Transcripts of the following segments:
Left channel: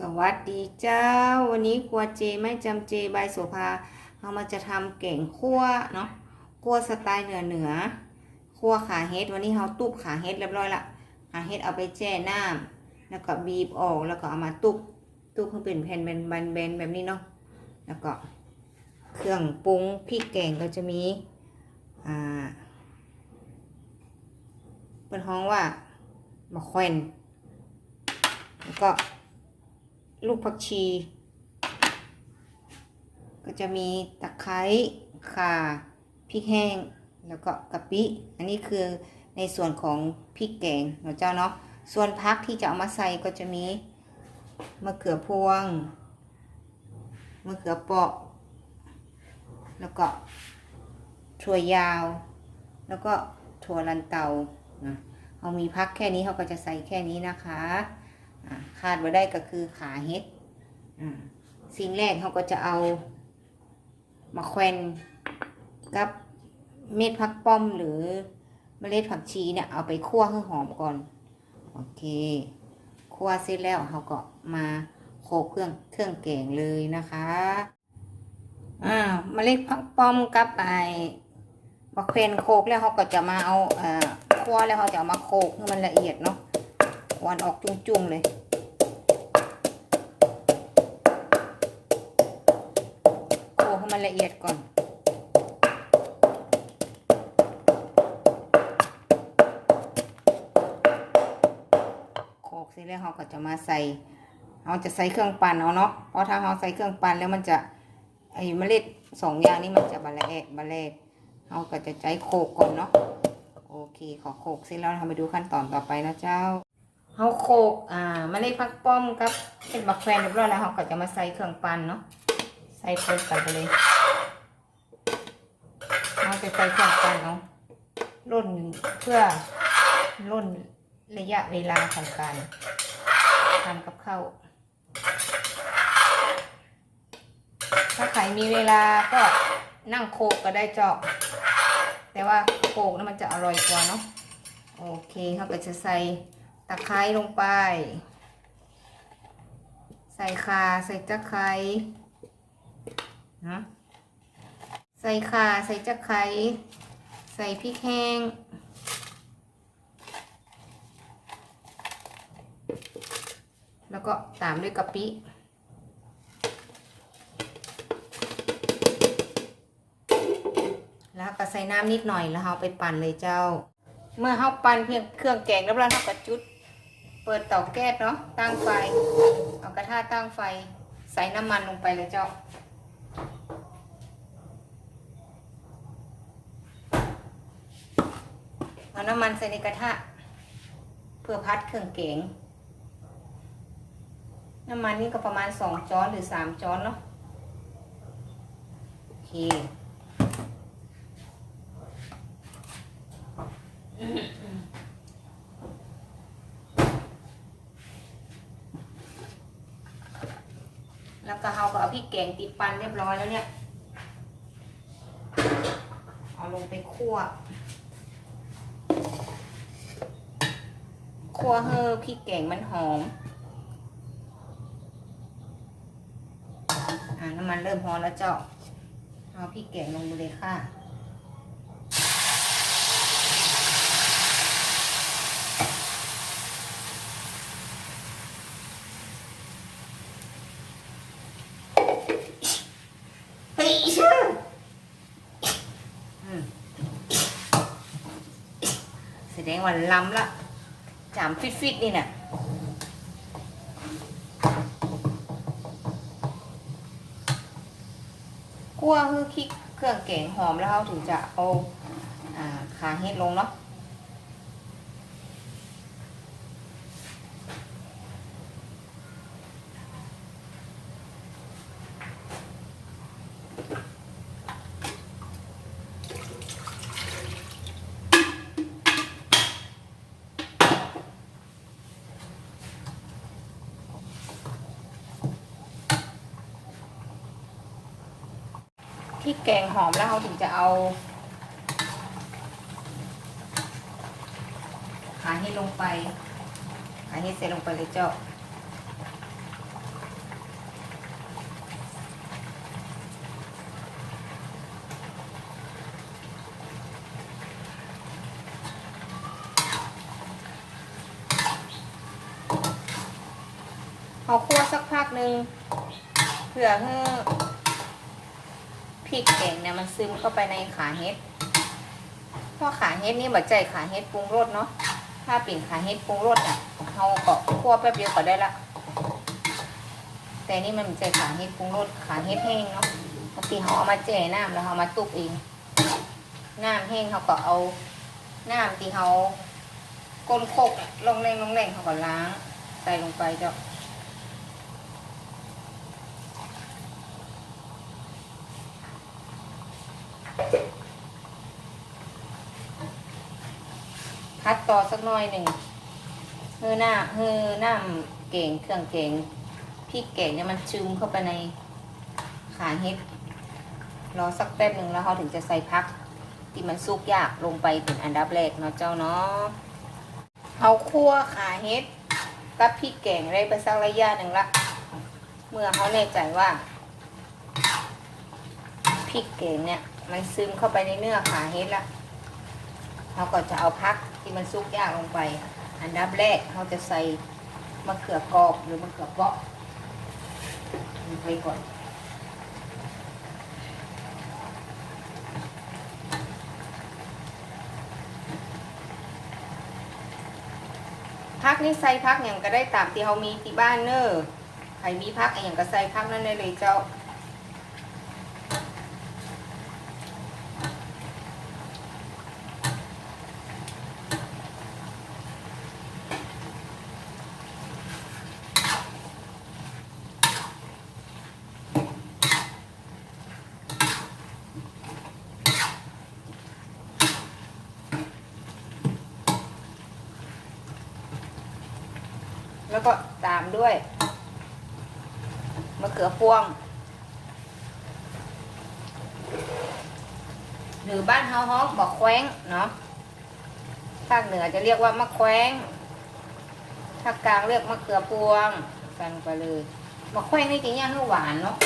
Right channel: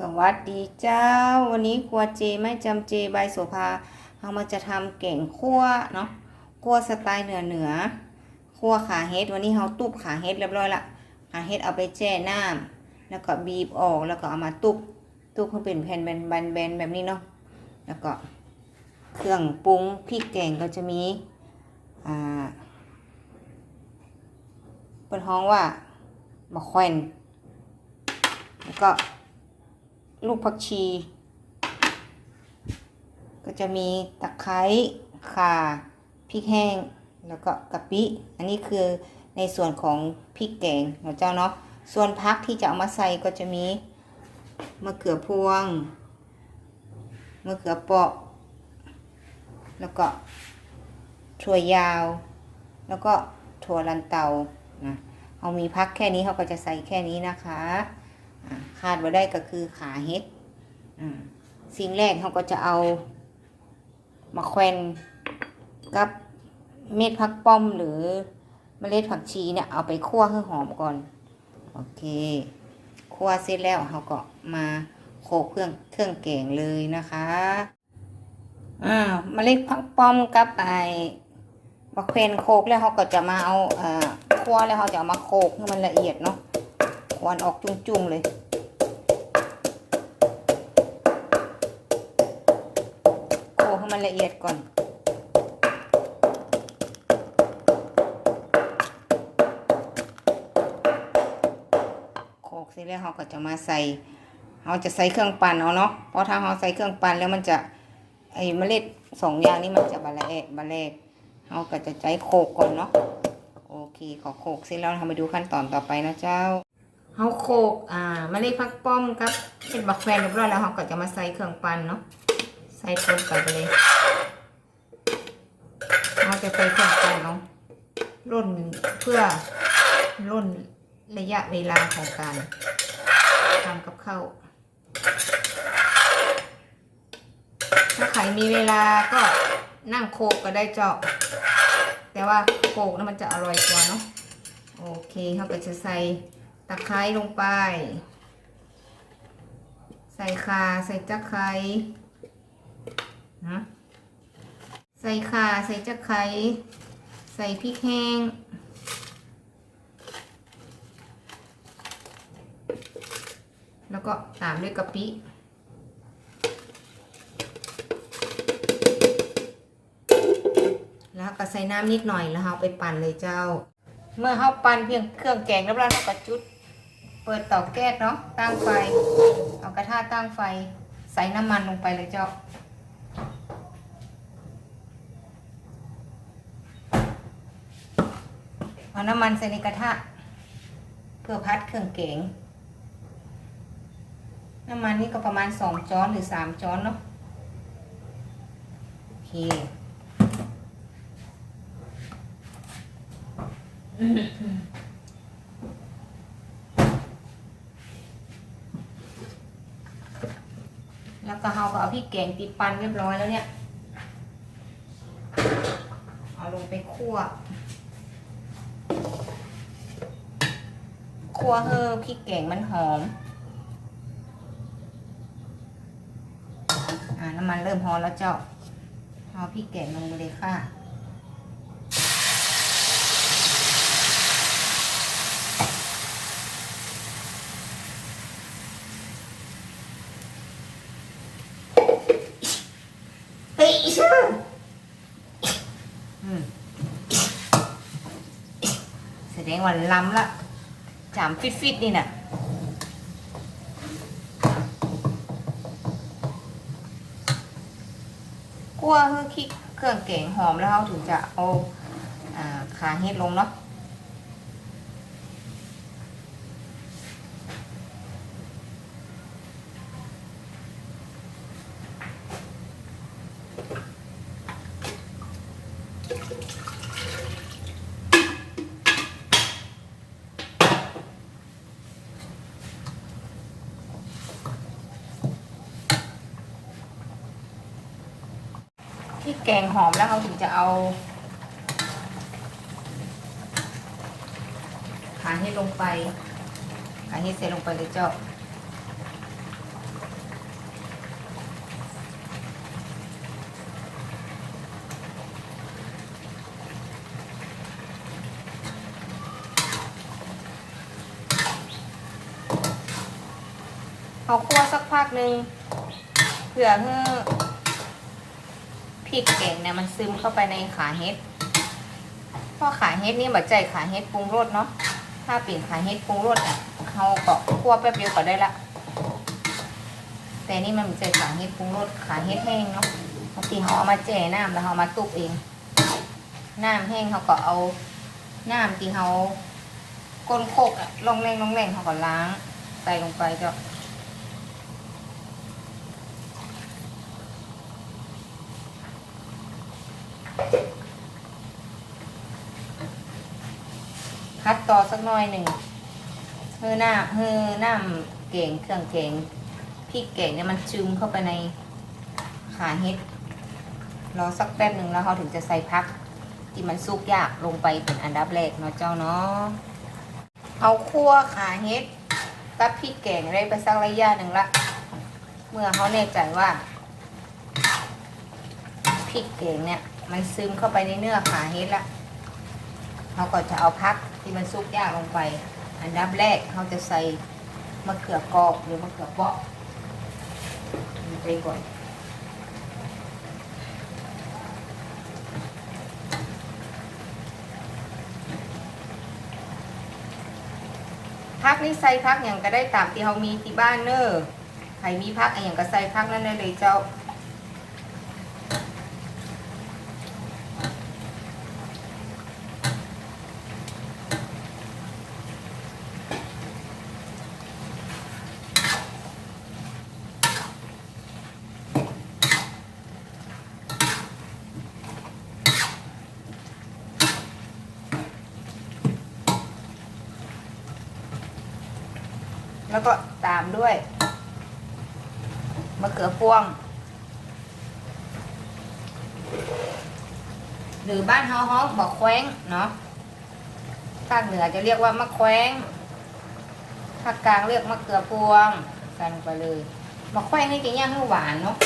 สวัสดีเจ้า วันนี้ครัวเจไม่จำเจใบโสภาเรามาจะทำเก่งคั่วเนาะคั่วสไตล์เหนือเหนือคั่วขาเฮ็ดวันนี้เราตุบขาเฮ็ดเรียบร้อยละขาเฮ็ดเอาไปแช่น้ำแล้วก็บีบออกแล้วก็เอามาตุบตุบให้เป็นแผ่นแบนๆแบบนี้เนาะแล้วก็เครื่องปรุงพริกแกงก็จะมีอ่าเป็นห้องว่ามะแขวนแล้วก็ ลูกผักชี ก็จะมีตะไคร้ข่าพริกแห้ง แล้วก็กะปิ อันนี้คือในส่วนของพริกแกงนะเจ้าเนาะ ส่วนพักที่จะเอามาใส่ก็จะมีมะเขือพวง มะเขือเปราะ แล้วก็ถั่วยาว แล้วก็ถั่วลันเตานะเอามีพักแค่นี้เขาก็จะใส่แค่นี้นะคะ อ่าขาดไ่ได้ก็คือขาเห็ดสิ่งแรกเขาก็จะเอามาแควนกับเม็ดผักป้อมหรือเมล็ดผักชีเนี่ยเอาไปคั่วให้หอมก่อน โอเค คั่วเสร็จแล้วเขาก็มาโขกเครื่องเครื่องแกงเลยนะคะอ่าเมล็ดผักป้อมกับไอมะแควนโขกแล้วเขาก็จะมาเอาเอ่อคั่วแล้วเขาจะามาโขกให้มันละเอียดเนาะ ควันออกจุ้งๆเลยโขลกให้มันละเอียดก่อนโขกเสร็จแล้วเราก็จะมาใส่เราจะใส่เครื่องปั่นเอาเนาะเพราะถ้าเราใส่เครื่องปั่นแล้วมันจะไอ้เมล็ดสองอย่างนี้มันจะบะละแอะบะแลกเราก็จะใจโขกก่อนเนาะโอเคขอโขกเสร็จแล้วเรามาดูขั้นตอนต่อไปนะเจ้า เขาโขลกอ่ามาเล็ดพักป้อมกับเป็นบักแฟนเรียบร้อยแล้วเขาก็จะมาใส่เครื่องปั่นเนาะใส่คนไปไปเลยเราจะใส่เครื่องปั่นเอาร่นเพื่อร่นระยะเวลาของการทำกับข้าวถ้าใครมีเวลาก็นั่งโขกก็ได้เจาะแต่ว่าโขกนั้นมันจะอร่อยกว่าเนาะโอเคเขาก็จะใส่ ตะไคร้ลงไป ใส่ข่าใส่ตะไคร้นะใส่ข่าใส่ตะไคร้ใส่พริกแห้ง แล้วก็ตามด้วยกะปิแล้วก็ใส่น้ำนิดหน่อยแล้วเอาไปปั่นเลยเจ้า เมื่อเขาปั่นเพียงเครื่องแกงแล้วเราก็จุด เปิดเตาแก๊สเนาะตั้งไฟเอากระทะตั้งไฟ ใส่น้ำมันลงไปเลยเจ้า เอาน้ำมันใส่ในกระทะ เพื่อพัดเครื่องแกงน้ำมันนี่ก็ประมาณสองช้อนหรือสามช้อนเนาะโอเคว ก็เราก็เอาพริกแกงติดปันเรียบร้อยแล้วเนี่ย เอาลงไปคั่ว คั่วเฮอพริกแกงมันหอม อ่าน้ำมันเริ่มหอมแล้วเจ้า เอาพริกแกงลงไปเลยค่ะ เฮ้ยชื่ออืม แสดงว่าล้ำละจามฟิตฟิตๆนี่น่ะคั่วคือคิกเครื่องแกงหอมแล้วเขาถึงจะเอาอาขาเฮ็ดลงเนาะ แกงหอมแล้วเขาถึงจะเอาขาให้ลงไปขาให้เสลงไปเลยเจ้าเอาคั่วสักพักหนึ่งเผื่อให้ ริกแกงเนี่ยมันซึมเข้าไปในขาเฮ็ดเพราะขาเฮ็ดนี่บัดใจขาเฮ็ดปรุงรสเนาะ ถ้าเปลี่ยนขาเฮ็ดปรุงรสอะเราก็คั่วแป๊บเดียวก็ได้ละ แต่นี่มันใจขาเฮ็ดปรุงรสขาเฮ็ดแห้งเนาะบางทีเขาเอามาแจ่น้ำแล้วเขามาตุกเอง น้ำแห้งเขาก็เอา น้ำที่เขาก้นโคกอะลงแรงลงแรงเขาก็ล้างใส่ลงไปจ้ะ พัดต่อสักหน่อยหนึ่งเฮือหน้าเฮือหน้าเก่งเครื่องเก่งพริกเก่งเนี่ยมันซึมเข้าไปในขาเฮ็ดรอสักแป๊บหนึ่งแล้วเขาถึงจะใส่พัก ที่มันสุกยากลงไปเป็นอันดับแรกเนาะเจ้าเนาะเอาคั่วขาเฮ็ดกับพริกแกงได้ไปสักระยะหนึ่งละ เมื่อเขาแน่ใจว่าพริกแกงเนี่ย มันซึมเข้าไปในเนื้อขาเฮ็ดละ เขาก็จะเอาพักที่มันสุกยากลงไป อันดับแรกเขาจะใส่มะเขือกรอบหรือมะเขือเปาะลงไปก่อนพักนี่ใส่พักอย่างก็ได้ตามที่เขามีที่บ้านเนอะใครมีพักอะไรอย่างก็ใส่พักนั่นได้เลยเจ้า แล้วก็ตามด้วยมะเขือพวง หรือบ้านเฮาฮ้องบอกแคว้งเนาะภาคเหนือจะเรียกว่ามะแคว้งภาคกลางเรียกมะเขือพวงกันไปเลยมะแคว้งนี่จะย่างให้หวานเนาะ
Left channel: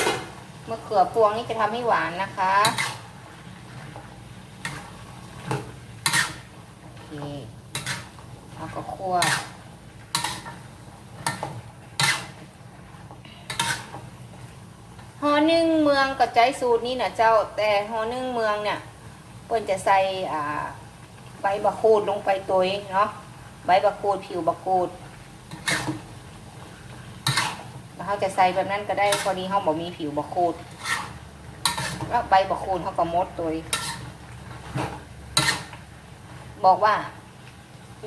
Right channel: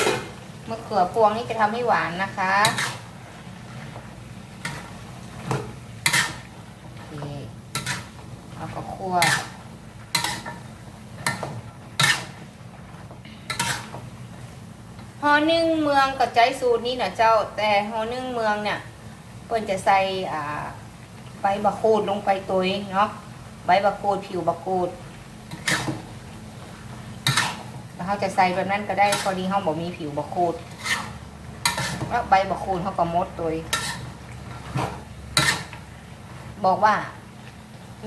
มะเขือพวงนี่จะทำให้หวานนะคะโอเคแล้วก็คั่ว ฮอนึ่งเมืองก็ใจสูตรนี้นะเจ้า แต่ฮอนึ่งเมืองเนี่ยเพิ่นจะใส่อ่าใบบักคูดลงไปตัวเนาะใบบักคูดผิวบักคูดแล้วเขาจะใส่แบบนั้นก็ได้พอดีเขาบอกมีผิวบักคูดแล้วใบบักคูดเขาก็มดตัวบอกว่า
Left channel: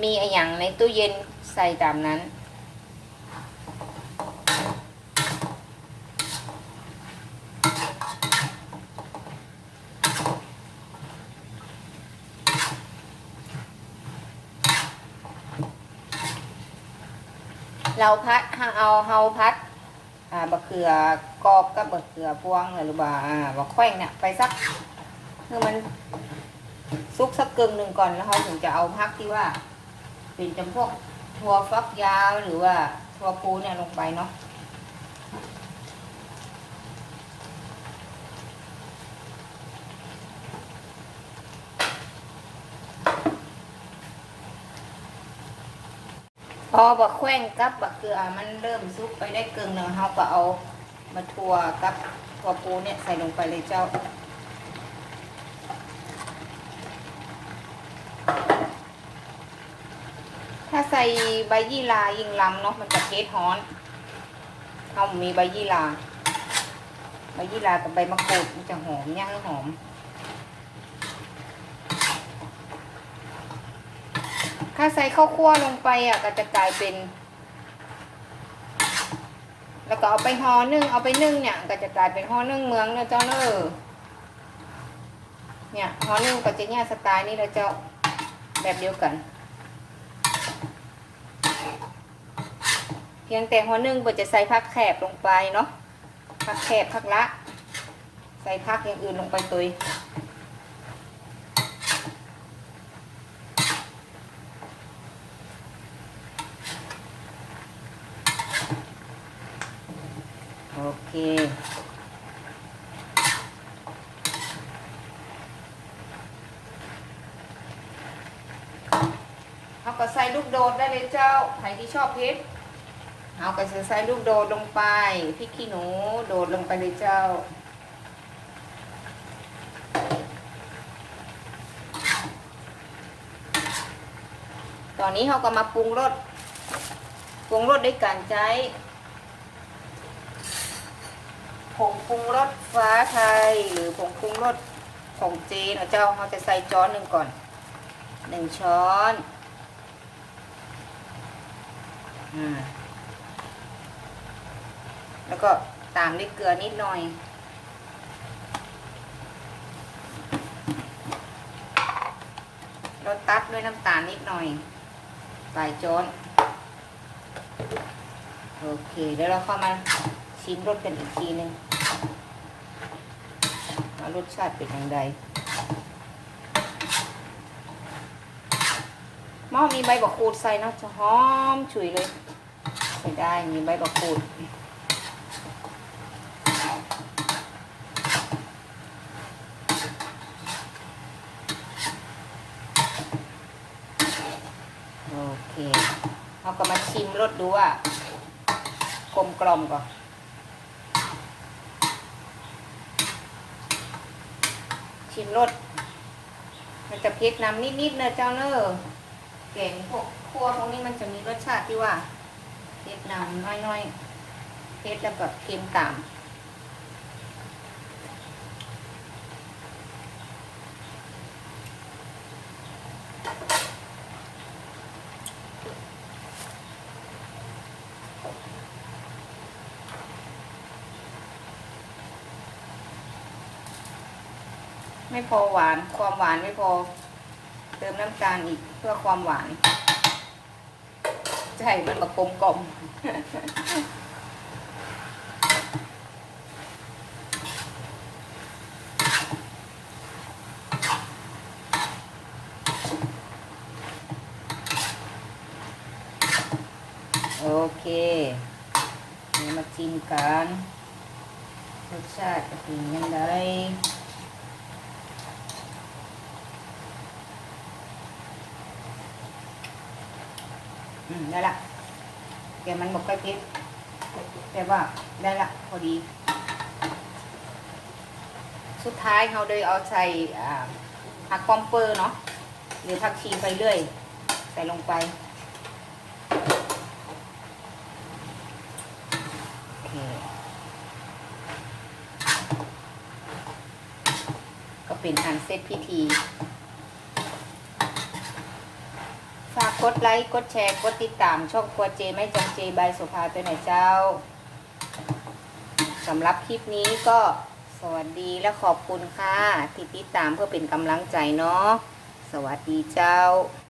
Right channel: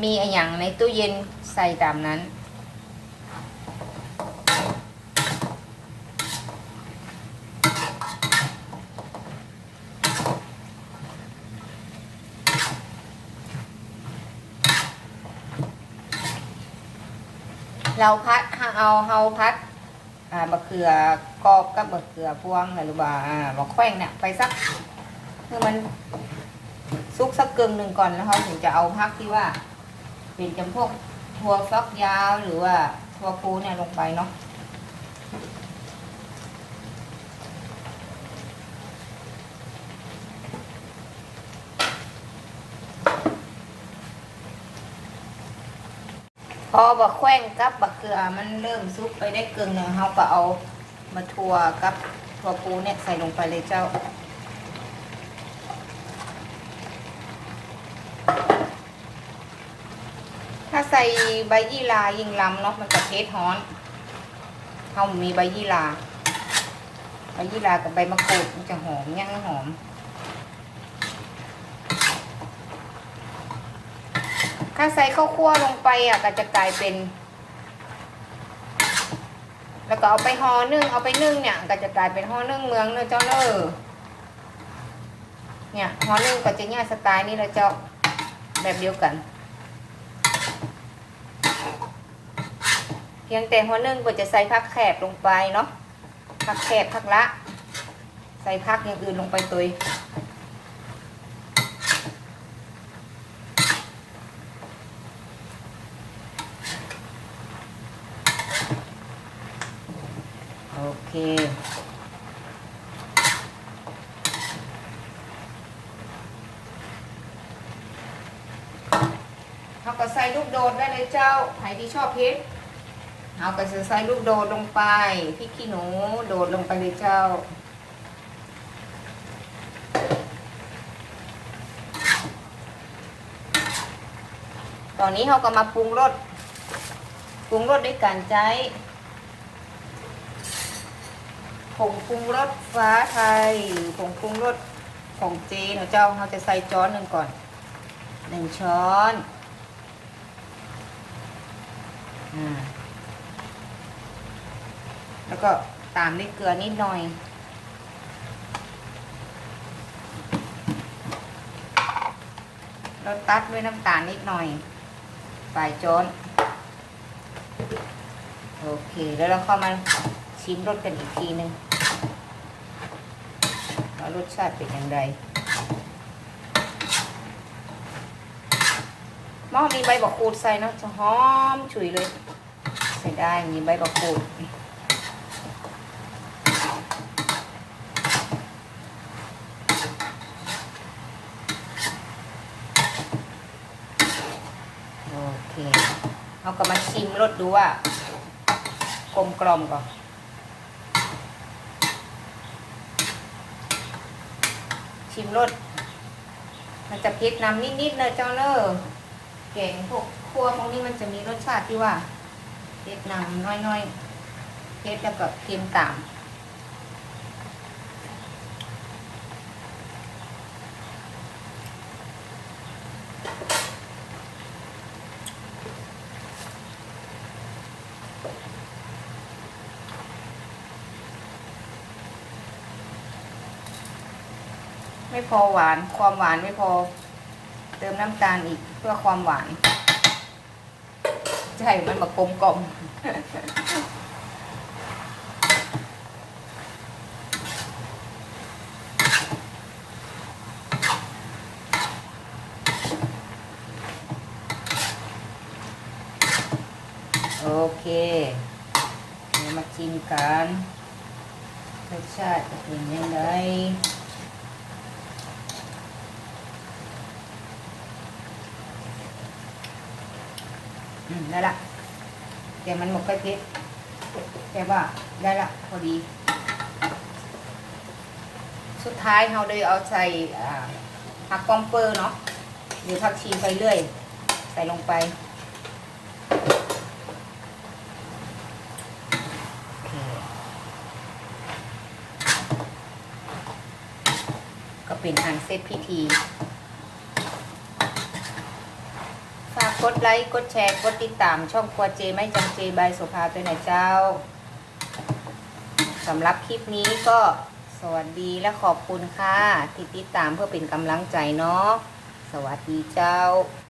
มีอะไรอย่างในตู้เย็นใส่ตามนั้น เราพัดเอาเฮาพัดอ่าบะเขือกรอบกับบะเขือพวงหรือว่าอ่าบะแข้งเนี่ยไปสักคือมันซุกสักกึ่งหนึ่งก่อนแล้วเขาถึงจะเอาพักที่ว่า เป็นจำพวกทัวฟักยาวหรือว่าทัวปูเนี่ยลงไปเนาะ พอบะแข้งกับบะเกลือมันเริ่มซุกไปได้เกึ่งหนึ่งเขาก็เอามาถั่วกับถั่วปูเนี่ยใส่ลงไปเลยเจ้าถ้าใส่ใบยี่ลายิ่งล้ำเนาะมันจะเทสฮ้อนเขามีใบยี่ลา ใบยี่ลากับใบมะกรูดมันจะหอมย่างหอม ถ้าใส่ข้าวคั่วลงไปอะก็จะกลายเป็น แล้วก็เอาไปห่อนึ่งเอาไปนึ่งเนี่ย ก็จะกลายเป็นห่อนึ่งเมืองเนอะเจ้าเนอะเนี่ยห่อนึ่งก็จะเนี่ยสไตล์นี้เลยเจ้าแบบเดียวกันเพียงแต่หัวนึ่งก็จะใส่ผักแคบลงไปเนาะผักแคบผักละ ใส่ผักอย่างอื่นลงไปตุย โอเขาก็ใส่ลูกโดดได้เลยเจ้าใครที่ชอบเพชรเอาไปใส่ลูกโดดลงไปพริกขี้หนูโดดลงไปเลยเจ้าตอนนี้เขาก็มาปรุงรส ปรุงรสด้วยการใช้ ผงปรุงรสฟ้าไทยหรือผงปรุงรสของเจนเจ้าเราจะใส่ช้อนหนึ่งก่อนหนึ่งช้อนอืมแล้วก็ตามด้วยเกลือนิดหน่อยแล้วตัดด้วยน้ำตาลนิดหน่อยปลายช้อนโอเค แล้วเราเข้ามา ชิมรสกันอีกทีหนึ่งว่ารสชาติเป็นยังไงหม้อมีใบบักขูดใส่เนอะจะหอมฉุยเลยใส่ได้มีใบบักขูดโอเคเราก็มาชิมรสดูว่ากลมกล่อมก่อน ชิมรสมันจะเผ็ดนำนิดๆนะเจ้าเนอะแกงพวกครัวพวกนี้มันจะมีรสชาติที่ว่าเผ็ดนำน้อยๆเผ็ดแล้วก็เค็มตาม ไม่พอหวาน ความหวานไม่พอ เติมน้ำตาลอีกเพื่อความหวานใช่มันมากลมกลมโอเคเดี๋ยวมากินกันรสชาติจะเป็นยังไง อืมได้ละแต่มันหมกไก่เพชรแต่ว่าได้ละพอดี สุดท้ายเราเลยเอาใส่ผักปอมเปอร์เนาะหรือผักชีไปเรื่อย ใส่ลงไปก็เป็นอันเสร็จพิธี ฝา กดไลค์ กดแชร์ กดติดตาม ช่องครัวเจไม่จำเจบายสุภาตัวไหนเจ้าสำหรับคลิปนี้ก็สวัสดีและขอบคุณค่ะ ที่ติดตามเพื่อเป็นกำลังใจเนาะสวัสดีเจ้า